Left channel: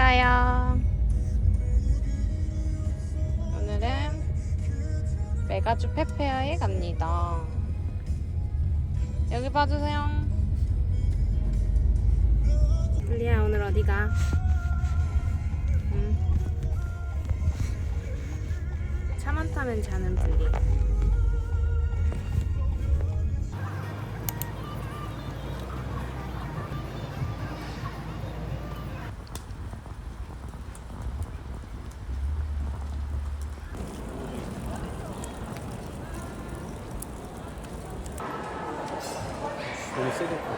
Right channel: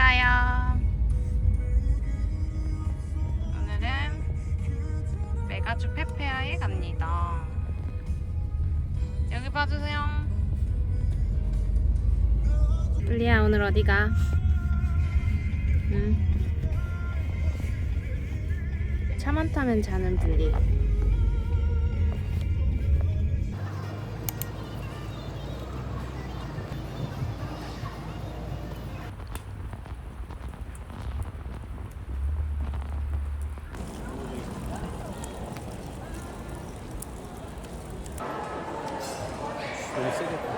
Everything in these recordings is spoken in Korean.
가요. 오늘은 메가주 페페아에 갑니다. 여기 봐주세요. 블리야, 오늘 어디 가? 응. 차만 타면 자는 블리. 너무 세겠다.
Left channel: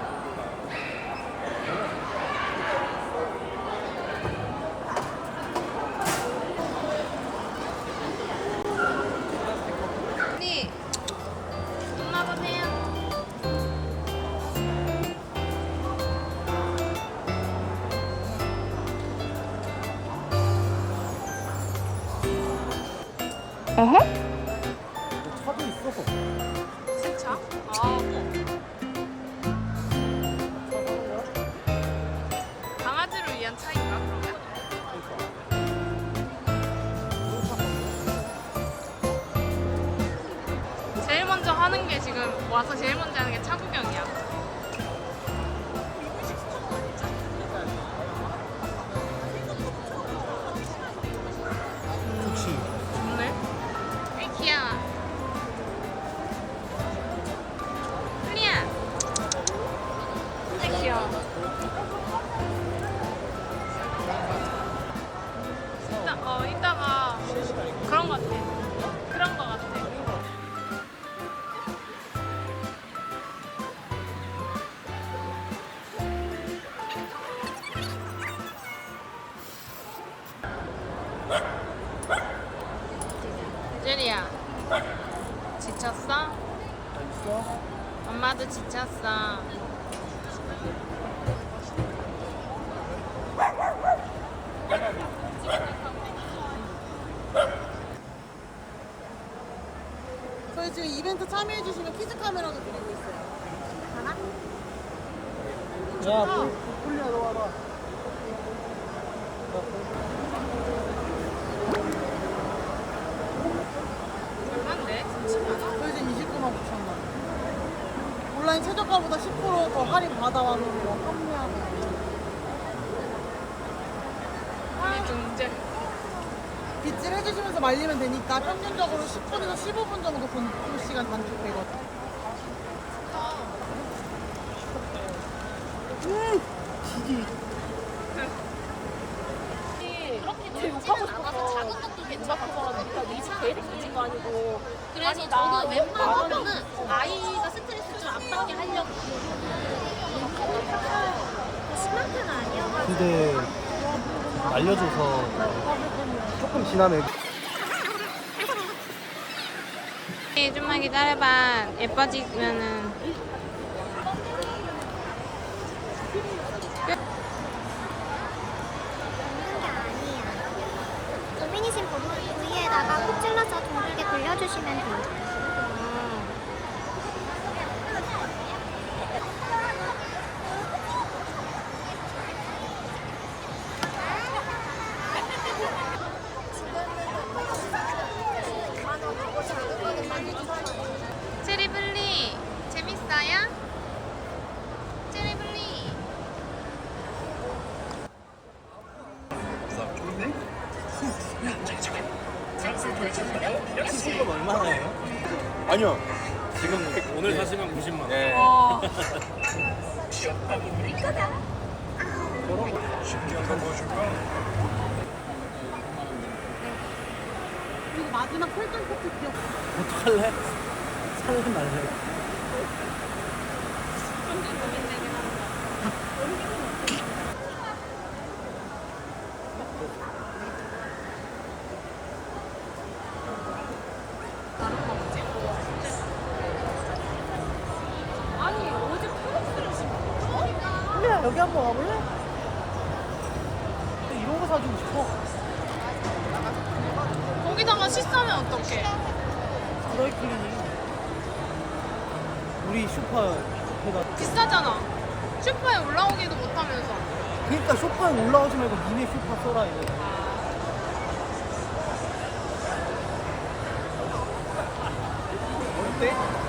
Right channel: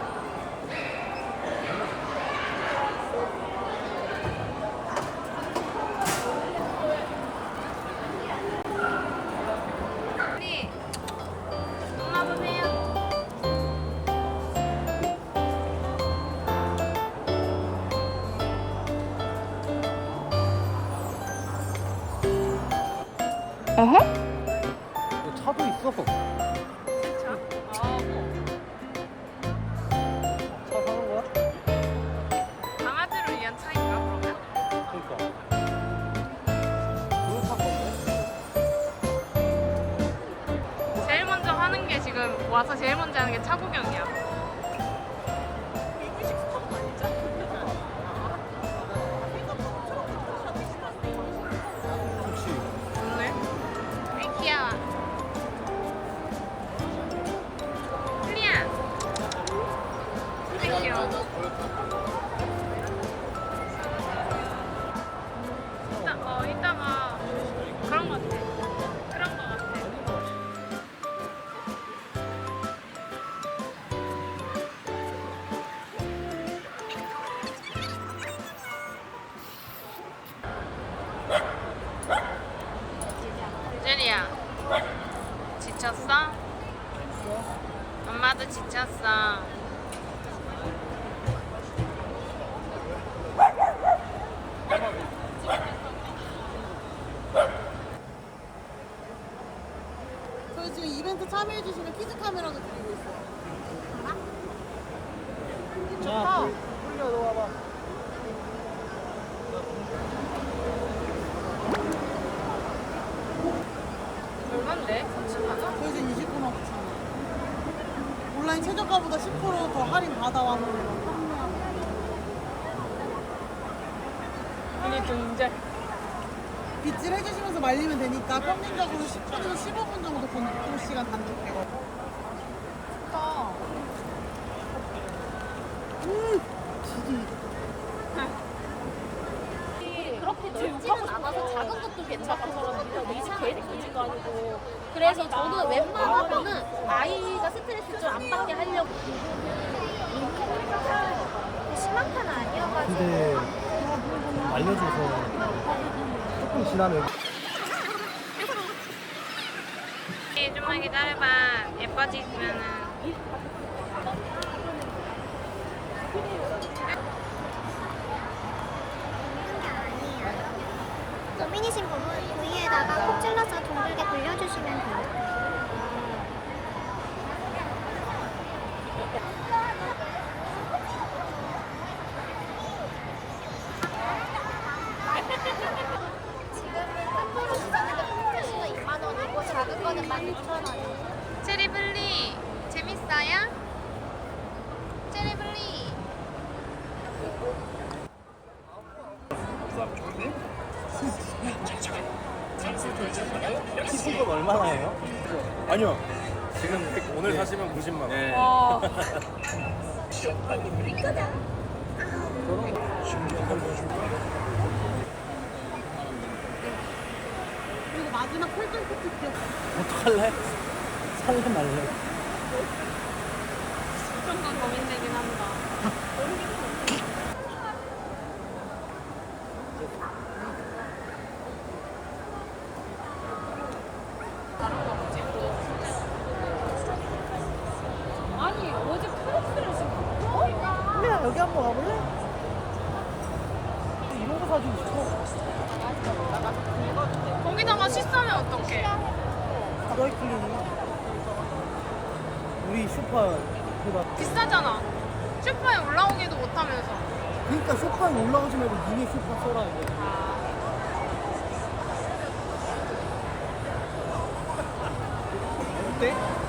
블리, 엄마 보세요. 차도 있어. 차? 아, 강아지를 위한 차인가 그러면? 제일 먼저 하는 게 지금 와서 제일 먼저 하는 게 차 구경이야. 혹시 네? 에이 귀여워. 플리야. 아 귀여워. 이따가 그런 거 같아. 그런 거 같아. 유리야, 지쳤어? 엄마도 지쳤어. 저희 지금 이벤트 참여해주시면 키즈 카메라도 드리고 있어요. 좋다. 얼만데? 30만원? 저희 지금 29만 9천 원. 온라인 최저가보다 10%더 할인 받아왔는데 합류하고. 우리 등재. 빗질 해주시면서 말리면 되니까 평균적으로 10분에서 15분 정도 그 시간 단축돼요. 좋다. 지지. 그렇게 넓지는 않아서 작은 것도 괜찮고 이 집 계획이 있는 거 아니고 그래서 저는 웬만하면은 아이가 스트레스 좀 안 받게 하려고 심한 편 아니어가지고 근데 알려줘서 조금 지나면 좀만 기다려봐. 예뻐지면은. 먹는 게 아니야. 고민이신 부위에다가 콕 찔러서 둥글게 굴려주시면 돼요. 체리블리 재밌어요? 체리블리. 얼마나 해요? 아니요. 지금 오늘 사시면 90만 원. 네. 저런 거 그리고 마지막 설정 코트 기억. 어떡할래? 살래 말래? 조금 고민되긴 한다. 다른 거 없지? 아니 어제 프로스를 신고. 플리야 여기 한번 와볼래? 이런 거 사주고 싶어. 거기다가 씻으면 어떡해? 드라이 클리닝. 우리 슈퍼에다 비싸잖아. 슈퍼에 올라오기도 못하면서. 그러니까 쇼파에 올라가지 말고 니네 쇼파 써라 이거. 어때?